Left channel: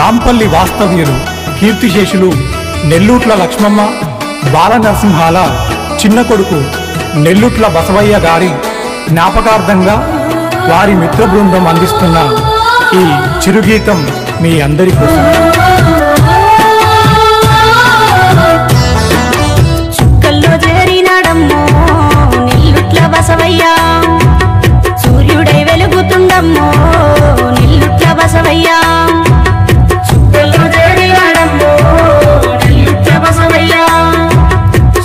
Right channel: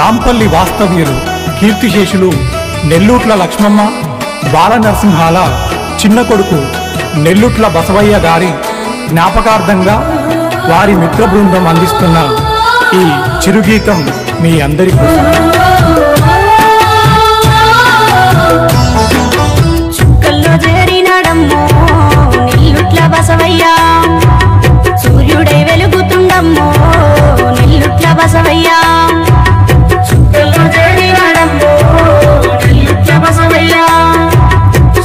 రాంపల్లి వాస్తవ్యులు కీర్తిశేషులు నెల్లూట్ల లక్ష్మమ్మ బాల నరసింహాల చిన్న కొడుకు నెల్లూట్ల బసవయ్య గారి జ్ఞాపకార్థంగా వారి మిత్ర బృందం అందిస్తున్న ఈ చిరుగీతం మీ అందరి కోసం. చుక్కల్లో చేరినాడమ్మో నెల్లుట్ల బసవయ్య, సూర్యుడై వెలుగుతుండమ్మో నెల్లుట్ల బసవయ్య. చుక్కల్లో చేరినాడమ్మో నెల్లుట్ల బసవయ్య,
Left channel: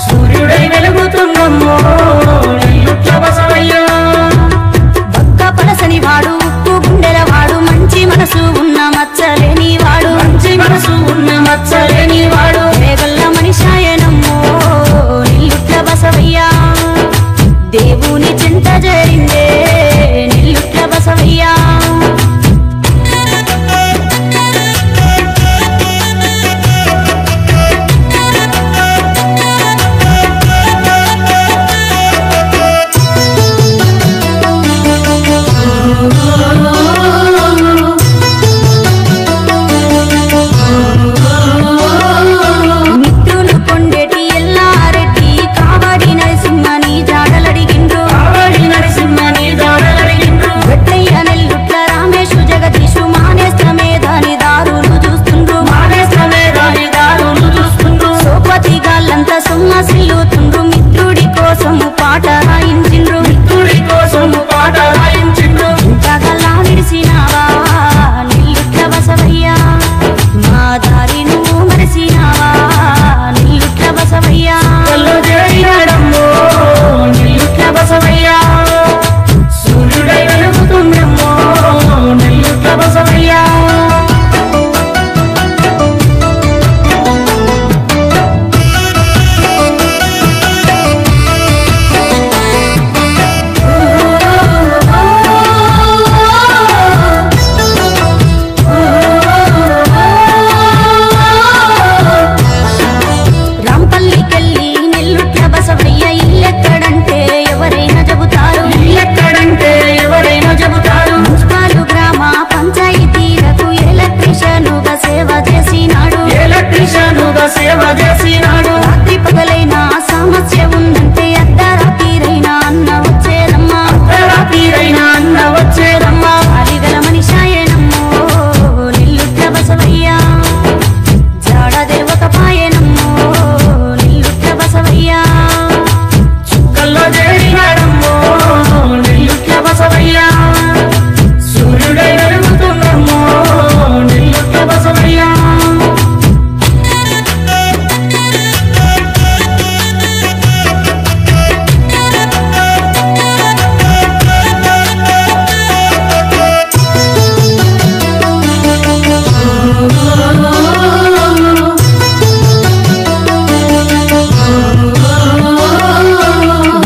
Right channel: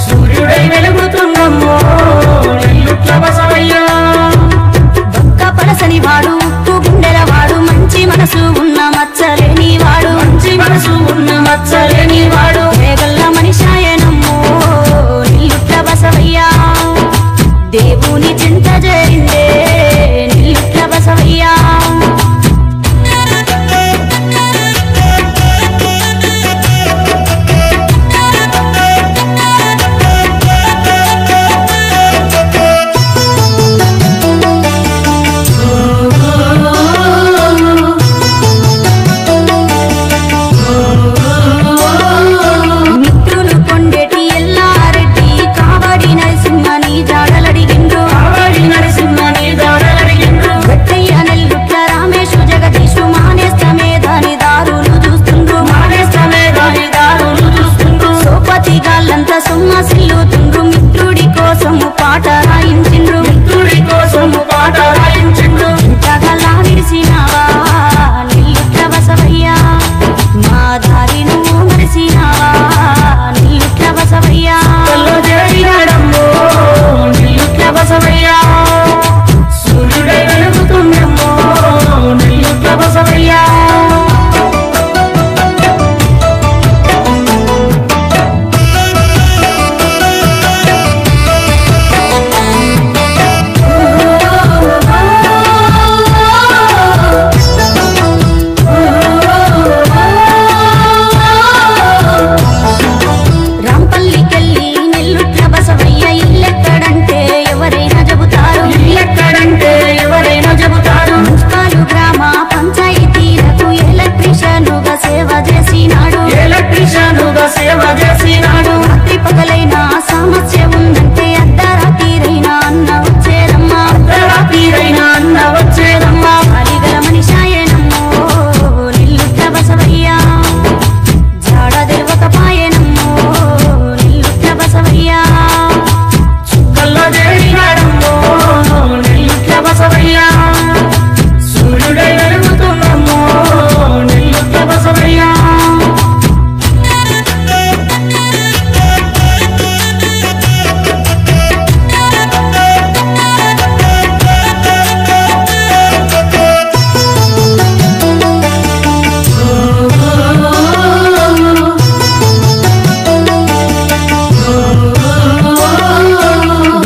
సూర్యుడై వెలుగుతుండమ్మో నెల్లుట్ల బసవయ్య. బక్క పలసని వాడు, ఉప్పు గుండెల వాడు, మంచి మనసు ఉన్న మచ్చలేని వాడు, మంచి మనసు ఉన్న మచ్చలేని వాడు. వేగల్ల మనిషాయనమ్మో నెల్లుట్ల బసవయ్య, దేవుని చింత చేరిందే నెల్లుట్ల బసవయ్య. మిత్రులు కొండేటి ఎల్లారెడ్డి కావడి నరసింహని జాడలడిగిండ్రు, కావడి నరసింహని జాడలడిగిండ్రు. గట్టయ్య నెల్లుట్ల రామేశు జగదీశు మానేస్తమే దాని దారులు చూస్తుండ్రు, మానేస్తమే దాని దారులు చూస్తుండ్రు. సోపతి గాళ్ళంతా సొమ్మసిల్లుతుండ్రు, మిత్రుడి కోసము పాట రాయించిండ్రు, మిత్రుడి కోసము పాట రాయించిండ్రు. ఇంతగల్లా విడిసినావా నెల్లుట్ల బసవయ్య, మా దారి నువ్వు మరిసినావా నెల్లుట్ల బసవయ్య. చేరినాడమ్మో నెల్లుట్ల బసవయ్య, సూర్యుడై వెలుగుతుండమ్మో నెల్లుట్ల బసవయ్య. రాంపల్లికెళ్ళి నెల్లుట్ల బసవయ్య ఇల్లెక్కడంటే ఎవరైనా చెబుతారు, ఇల్లెక్కడంటే ఎవరైనా చెబుతారు. మున్సిపాలు గ్రామ పంచాయతీలకు ఎలక్ట్రీషియనుగా సేవ చేసినాడు, ఎలక్ట్రీషియనుగా సేవ చేసినాడు. రాత్రి పగలైనా సమస్య ఉందంటే అర్ధరాత్రిరైనా అన్న వచ్చేదమ్మా, అర్ధరాత్రిరైనా అన్న వచ్చేదమ్మా. అలిగల మనిషాయనమ్మో నెల్లుట్ల బసవయ్య, జాడ తెలివకపాయనమ్మో నెల్లుట్ల బసవయ్య. చుక్కల్లో చేరినాడమ్మో నెల్లుట్ల బసవయ్య, సూర్యుడై వెలుగుతుండమ్మో నెల్లుట్ల బసవయ్య.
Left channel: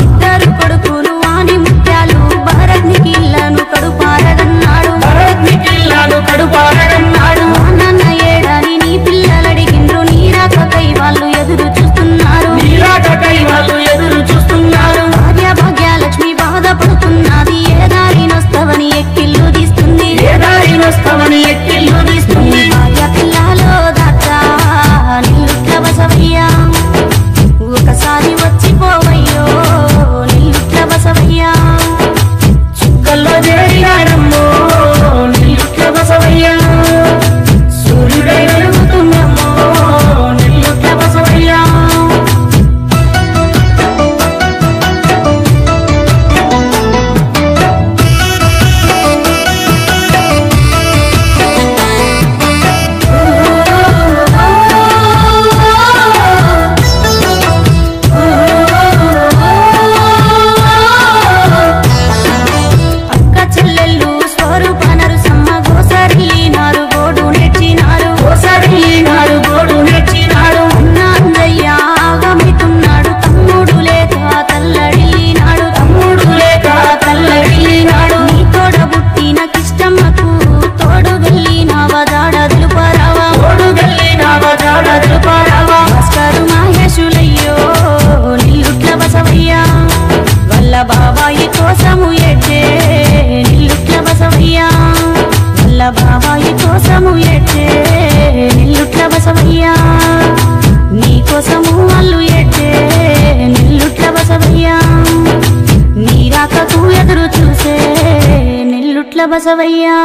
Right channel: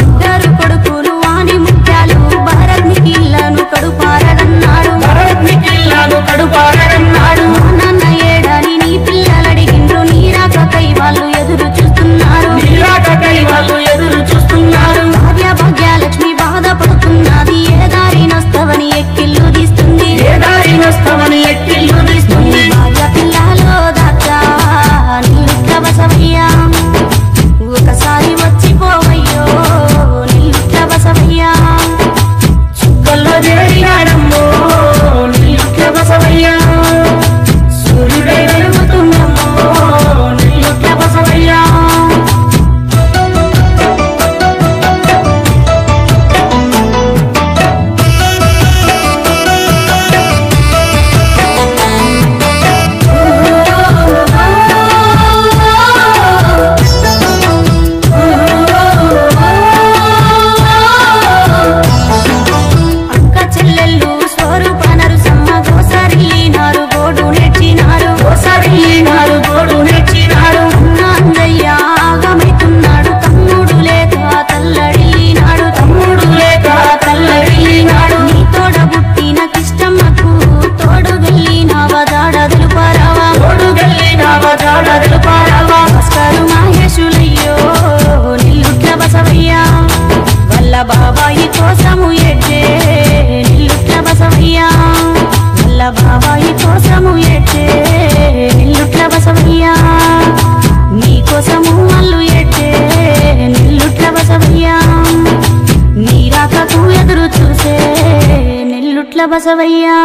ఇద్దరు కొడుకులు వాణి ముత్యాలు భరత్నికిల్లను కడుపారగన్నాడు, భరత్నికిల్లను కడుపారగన్నాడు. నాన్న ఏడని నీ పిల్లలడిగిండ్రు, నీరాకై వాళ్ళు ఎదురు చూస్తున్నారు, నీరాకై వాళ్ళు ఎదురు చూస్తున్నారు. భార్య భాగ్యలక్ష్మి బాధపడుతున్నది, ఏ దారినొస్తావని ఎక్కిళ్ళు తీస్తుంది, ఏ దారినొస్తావని ఎక్కిళ్ళు తీస్తుంది. భార్య పిల్లలో దాచా నెల్లుట్ల బసవయ్య, ఒకసారి వచ్చిపోవయ్యో నెల్లుట్ల బసవయ్య. చుక్కల్లో చేరినాడమ్మో నెల్లుట్ల బసవయ్య, సూర్యుడై వెలుగుతుండమ్మో నెల్లుట్ల బసవయ్య. చెల్లెళ్ళు స్వరూప నరసమ్మ గోసరిల్లినారు, గోడు నేర్చినారు, గోసరిల్లినారు, గోడు నేర్చినారు. అన్న అంజయ్య ఆగమైతున్నాడు, తమ్ముడు లేక తల్లడిల్లినాడు, తమ్ముడు లేక తల్లడిల్లినాడు. నీ తోడ బుట్టిన కిష్టమ్మకు తోడు గల్లినావా జాడ తెలుపారావా, తోడు గల్లినావా జాడ తెలుపారావా. భాస్కరు మహేశులయ్యో నెల్లుట్ల బసవయ్య, వల్ల బాబాయి కోసము ఎడ్డే నెల్లుట్ల బసవయ్య, వల్ల బాబాయి కోసము ఎడ్డే నెల్లుట్ల బసవయ్యా నీకోసము వాళ్ళు ఎట్టే నెల్లుట్ల బసవయ్యా నీ రాకకు ఎదురు చూసే నెల్లుట్ల బసవయ్యా